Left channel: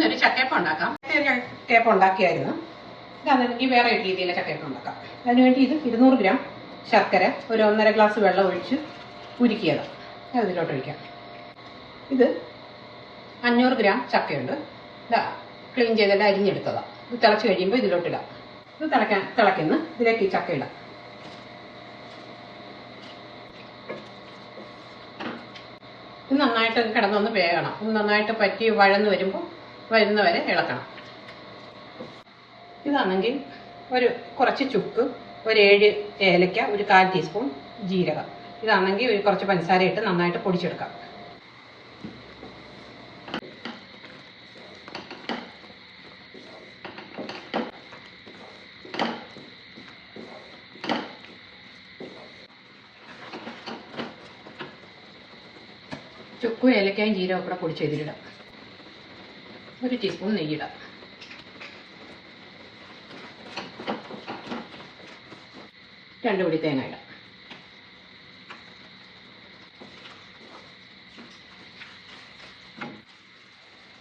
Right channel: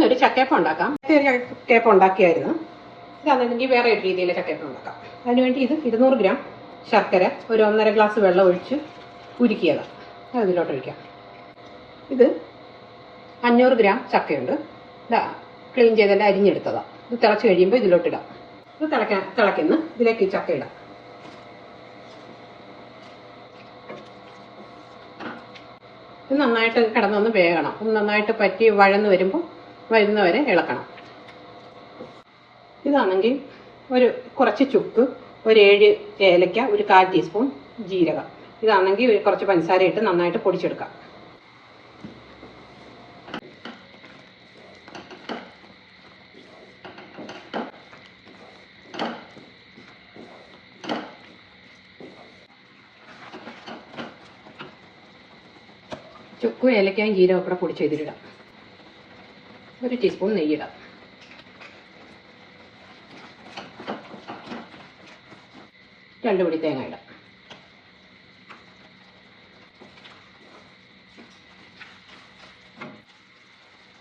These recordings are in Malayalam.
ഇന്നൊരു ചക്കയപ്പം ഉണ്ടാക്കാം. ഒരു ചക്കയപ്പം ഉണ്ടാക്കിയായിരുന്നു. അതാണെങ്കിൽ വേറെ ഒരു രീതിയിൽ ചക്കയപ്പം ഉണ്ടാക്കാം. അതിനുവേണ്ടി ഇത് ഇരുന്നൂറ് ഗ്രാം ശർക്കര ഒരു ഒന്നര ഗ്ലാസ് വെള്ളം ഒഴിച്ച് ഉരുക്കിയത്. അതിലോട്ട് ഒഴിക്കാം. ഇത് അഞ്ഞൂറ് ഗ്രാം ചക്കയുണ്ട്. ക്ലീൻ ചെയ്തിട്ട് അരിഞ്ഞെടുത്തതാണ് ഇത് തിളച്ച് കഴിയുമ്പോൾ ഇതിലോട്ടിടാം ഇത് തിളക്കാൻ തിളയ്ക്കുന്ന ഇതിലേക്ക് ചക്ക ഇടാം. ഇത് നന്നായിട്ട് കിടന്നൊന്ന് വേകണം നന്നായിട്ട് പറ്റി വഴന്ന് വരുമ്പോൾ വരുന്ന വരെ ഇളക്കണം. ഇതാണെങ്കിൽ ഒരു കുറച്ച് ചുക്ക് ഒരു ഏഴ് ഏലക്ക ഒരു കാൽ ടീസ്പൂൺ ജീരകം. ഇതാണെങ്കിൽ ഒരു കുറച്ച് പഞ്ചസാര ഇട്ട് നന്നായിട്ട് പൊടിച്ചെടുക്കാം. ചുക്കും ഏലക്കായും ജീരകം കൂടെ പൊടിച്ച് ഒരു ടീസ്പൂൺ നെയ്യിടാം രണ്ട് പൊടി തേങ്ങ ഇടാം.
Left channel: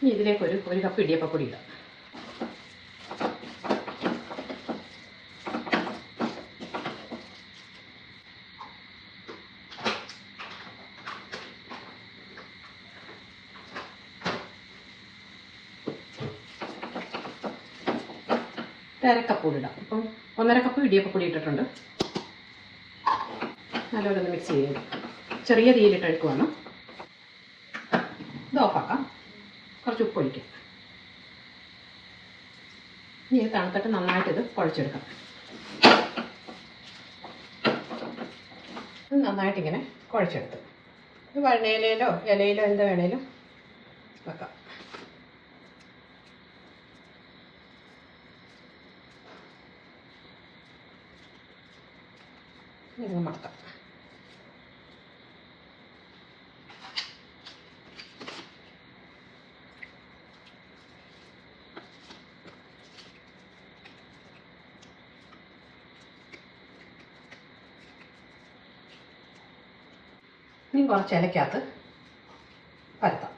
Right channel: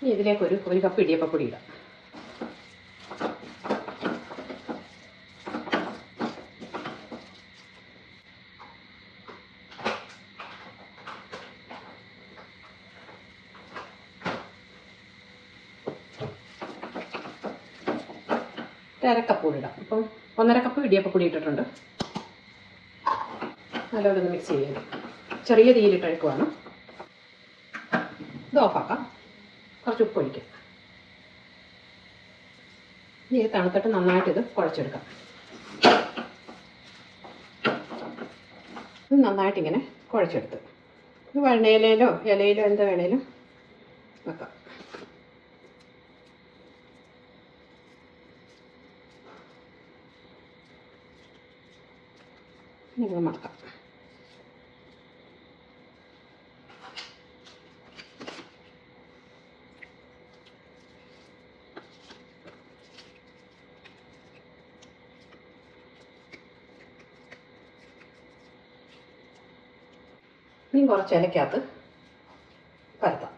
ഇനി ഇതിലേക്ക് ഒരു ഒരു കപ്പ് ഇടിയപ്പപ്പൊടി ഇടാം. അരക്കപ്പ് ഇടാം. അപ്പം ഒന്നര കപ്പ് ഇടിയപ്പപ്പൊടി ഇട്ടിട്ടുണ്ട്. നല്ലപോലെ ഒന്ന് മിക്സ് ചെയ്യുക ചെറിയ തീയിലിട്ട് അഴുക്കുവാണ് ഇത് ഓഫാക്കാം കുറച്ച് ഉപ്പ് ഒഴിക്കാം. ഇനി ഇത് തണുത്തിട്ട് നന്നായിട്ട് ഇത് കുഴച്ചെടുക്കാം. ഇത് നന്നായിട്ടിങ്ങനെ കുഴച്ചെടുത്ത്. ഇത് വെണ്ണയിലോ ഇലയിലോ എന്താ വേണേലും വെക്കാം. ഇത് മടക്കാം. ഇനി കുറച്ച് ഇലക്കകത്ത് പരത്താം.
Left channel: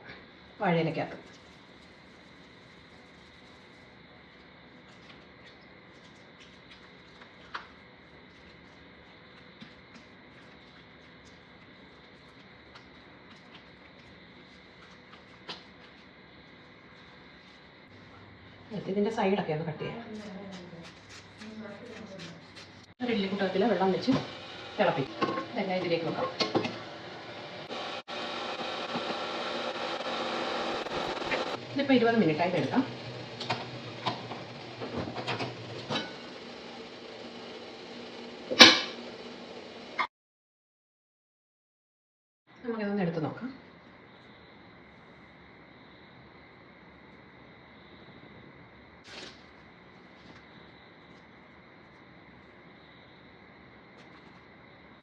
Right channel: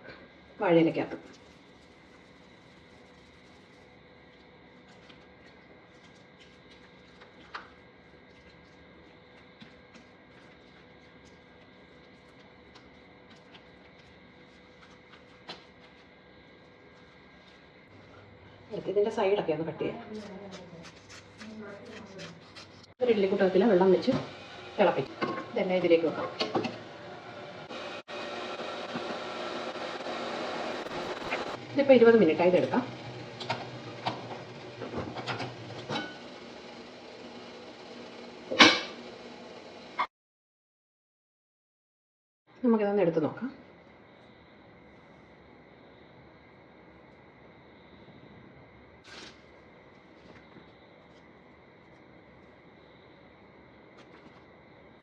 വാഴയിലക്കകത്ത് ഇതിന്റെ സൈഡൊക്കെ ഒന്ന് കട്ട് ചെയ്യാം. ഒരു ഇല്ലിക്കുട്ടത്തിൽ വെള്ളം വെച്ച് തിളപ്പിക്കും. ഇതെന്നെ ഇതിലേക്ക് വെക്കാം. ഇതിപ്പോൾ ഇരുപത് മിനിറ്റ് ആയിട്ട് എടുക്കാം. നമുക്കിതൊന്ന് എടുത്ത് നോക്കാം.